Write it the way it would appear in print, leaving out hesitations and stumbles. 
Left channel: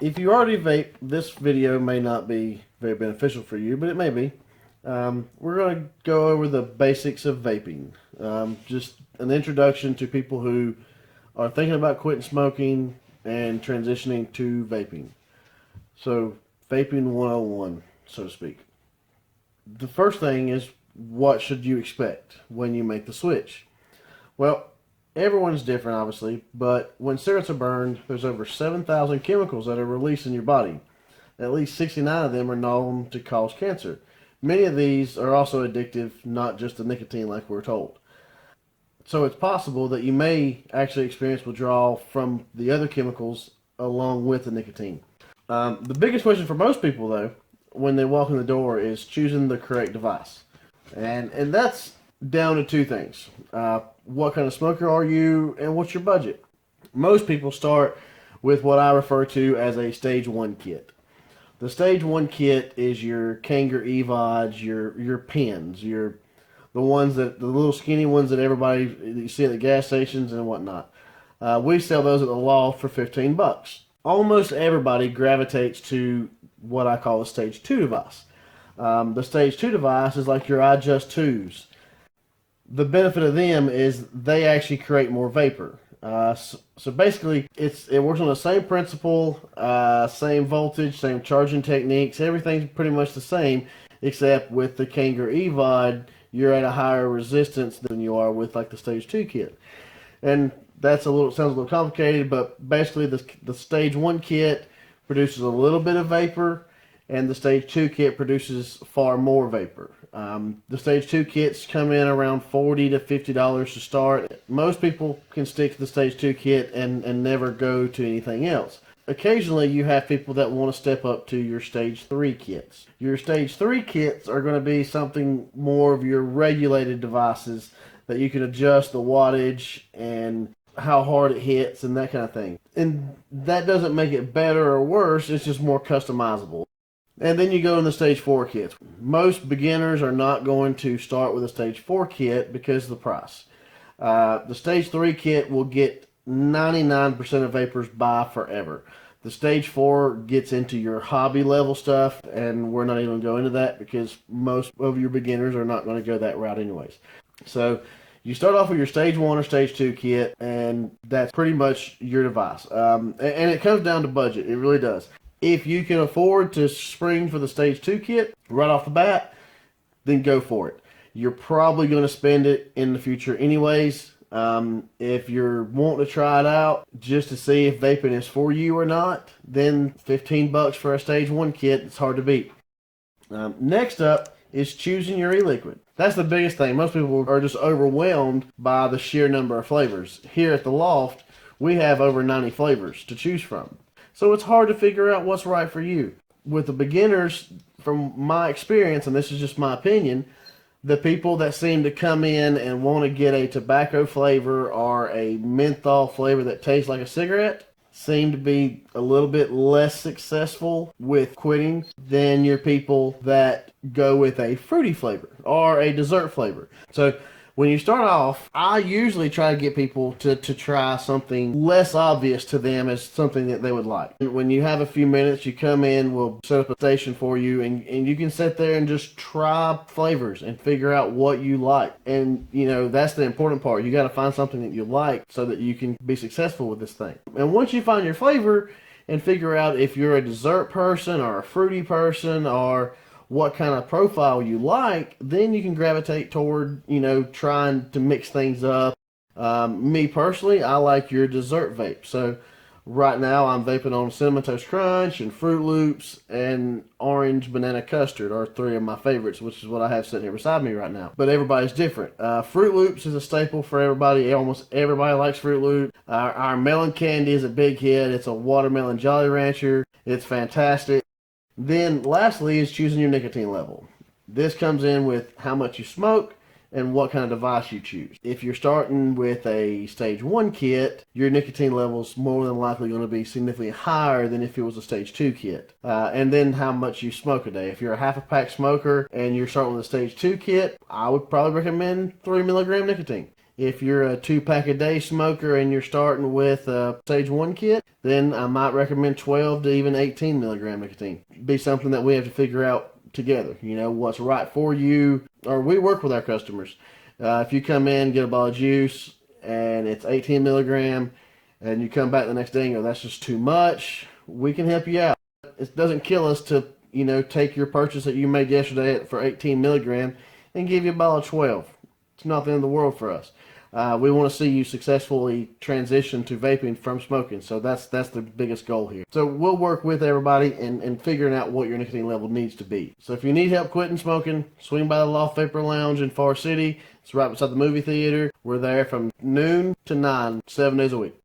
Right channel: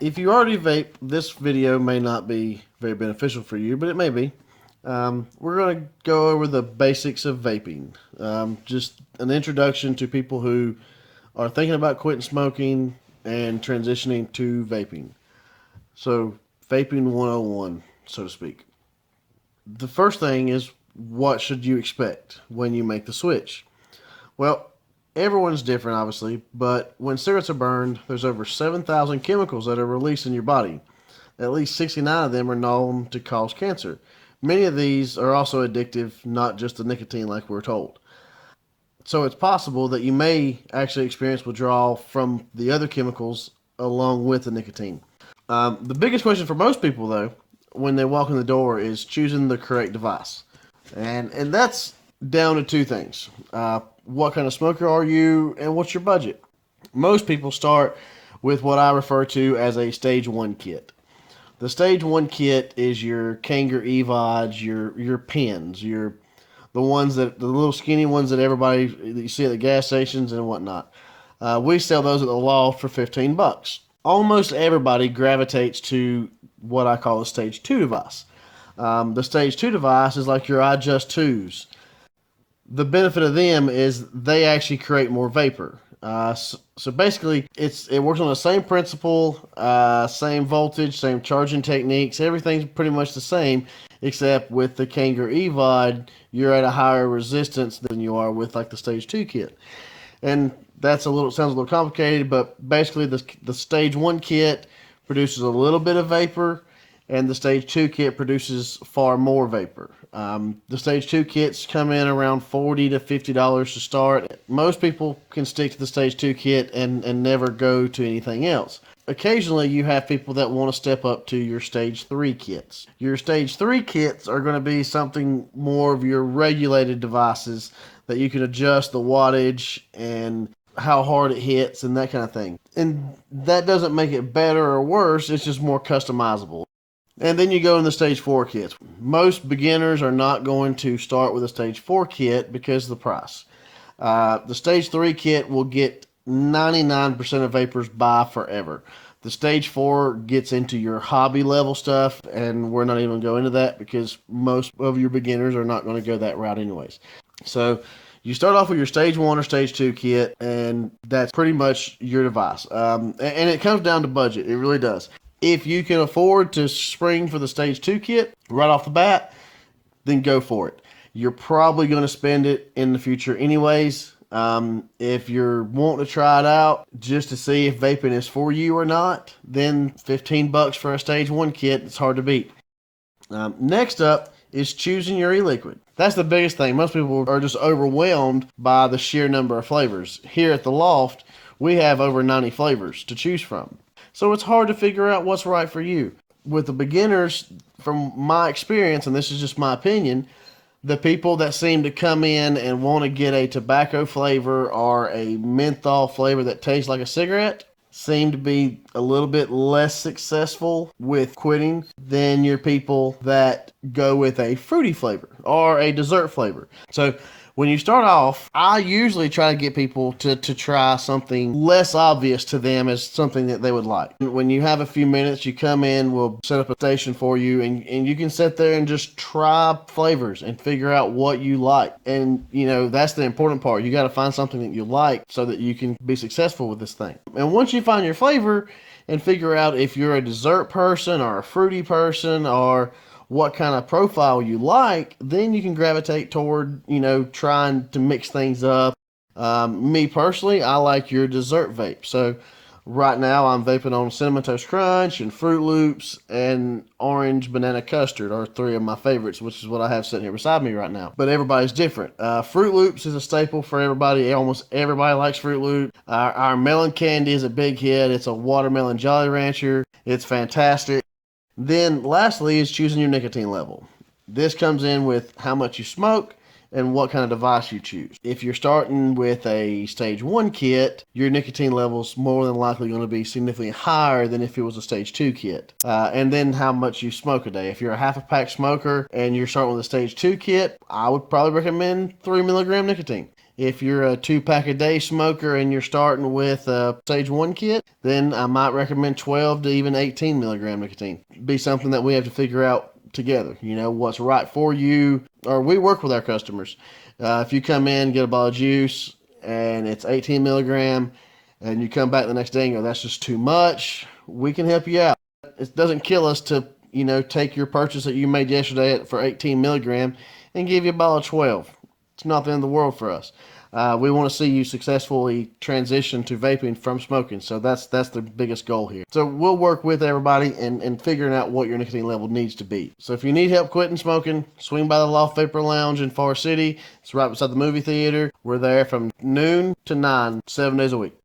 If you already vape, this video may not be very beneficial for you, but it may be. We're going to go over the basics of vaping. Just an introduction to people who are thinking about quitting smoking and transitioning to vaping. So, vaping 101, so to speak. The first thing is, what should you expect when you make the switch? Well, everyone's different, obviously, but when cigarettes are burned, there's over 7,000 chemicals that are released in your body. At least 69 of them are known to cause cancer. Many of these are also addictive, not just the nicotine like we're told. So it's possible that you may actually experience withdrawal from the other chemicals along with the nicotine. The biggest question for most people, though, when they walk in the door is choosing the correct device. And that's down to two things. What kind of smoker are you, and what's your budget? Most people start with what I refer to as a stage one kit. The stage one kit is your Kanger EVODs, your pens, the ones the little skinny ones that you see at the gas stations and whatnot. We sell those at the Loft for $15. Almost everybody gravitates to what I call a stage two device. The stage two device is like your iJust 2s. The benefit of them is they actually create more vapor. So basically, it works on the same principle, same voltage, same charging techniques. Everything's pretty much the same, except with the Kanger EVOD, you're at a higher resistance than you are with like the stage two kit. And that's sounds a little complicated, but basically the stage one kit produces a little bit of vapor, and the stage two kit produces far more vapor. The stage two kits come in around $40 to $50 to start. Most people can stick to the stage two kit and never go to anything else. Occasionally, you have people that want to step up to your stage three kits. Your stage three kits are going to be something more of your regulated devices that you can adjust the wattage and how hard it hits and that kind of thing. And that doesn't make it better or worse, it's just more customizable. And then you go in the stage 4 kits. Most beginners are not going to start with a stage 4 kit because of the price. The stage 3 kit will get 99% of vapors by forever. The stage 4 gets into your hobby level stuff, and we're not even going to go into that because most of your beginners are not going to go that route anyways. So you start off with your stage 1 or stage 2 kit, and that's pretty much your device. And it comes down to budget. It really does. If you can afford to spring for the stage 2 kit right off the bat, then go for it. You're probably going to spend it in the future anyways. If you're wanting to try it out just to see if vaping is for you or not, then $15 for a stage 1 kit, it's hard to beat. Next up is choosing your e-liquid. That's the biggest thing. Most people are just overwhelmed by the sheer number of flavors. Here at the Loft, we have over 90 flavors to choose from. So it's hard to figure out what's right for you. With the beginners, from my experience, and this is just my opinion, the people that seem to come in and want to get a tobacco flavor or a menthol flavor that tastes like a cigarette seem to be a little bit less successful with quitting than your people that go with a fruity flavor or a dessert flavor. So when you start off, I usually try to get people to try something less obvious to them as something that they would like. When you have a few minutes, you come in, we'll set up a station for you, and you can sit there and just try flavors and figure out what you like. And, that's the important part. You got to find something that you like so that you can be successful with this thing. And once you find your flavor and figure out if you're a dessert person or a fruity person or what kind of profile you like, then you can gravitate toward, trying to mix things up. Me personally, I like your dessert vape. So right now I'm vaping on Cinnamon Toast Crunch and Fruit Loops and Orange Banana Custard are three of my favorites, which is what I have sitting here beside me right now. But everybody's different. Fruit Loops is a staple for everybody. Almost everybody likes Fruit Loops. Our melon candy is a big hit. It's a watermelon Jolly Rancher. It's fantastic. Then lastly is choosing your nicotine level. This comes in with how much you smoke and what kind of device you choose. If you're starting with a stage 1 kit, your nicotine level is more than likely going to be significantly higher than if it was a stage 2 kit. And then how much you smoke a day. If you're a half a pack smoker and you're starting with a stage 2 kit, I would probably recommend 3 milligram nicotine. If you're a 2-pack-a-day smoker and you're starting with a Stage 1 kit, then I might recommend 12 to even 18 milligram nicotine. Be something that we have to figure out together. You know, what's right for you, or we work with our customers. If you come in, get a bottle of juice, and it's 18 milligram, and you come back the next day and go, that's just too much, we can help you out. It doesn't kill us to, you know, take your purchase that you made yesterday for 18 milligram and give you a bottle of 12. It's not the end of the world for us. We want to see you successfully transition to vaping from smoking. So that's the biggest goal here. So we'll work with everybody in figuring out what your nicotine level needs to be. So if you need help quitting smoking, swing by the Loft Vapor Lounge in Far City. It's right beside the movie theater. We're there from noon to 9, 7 days a week.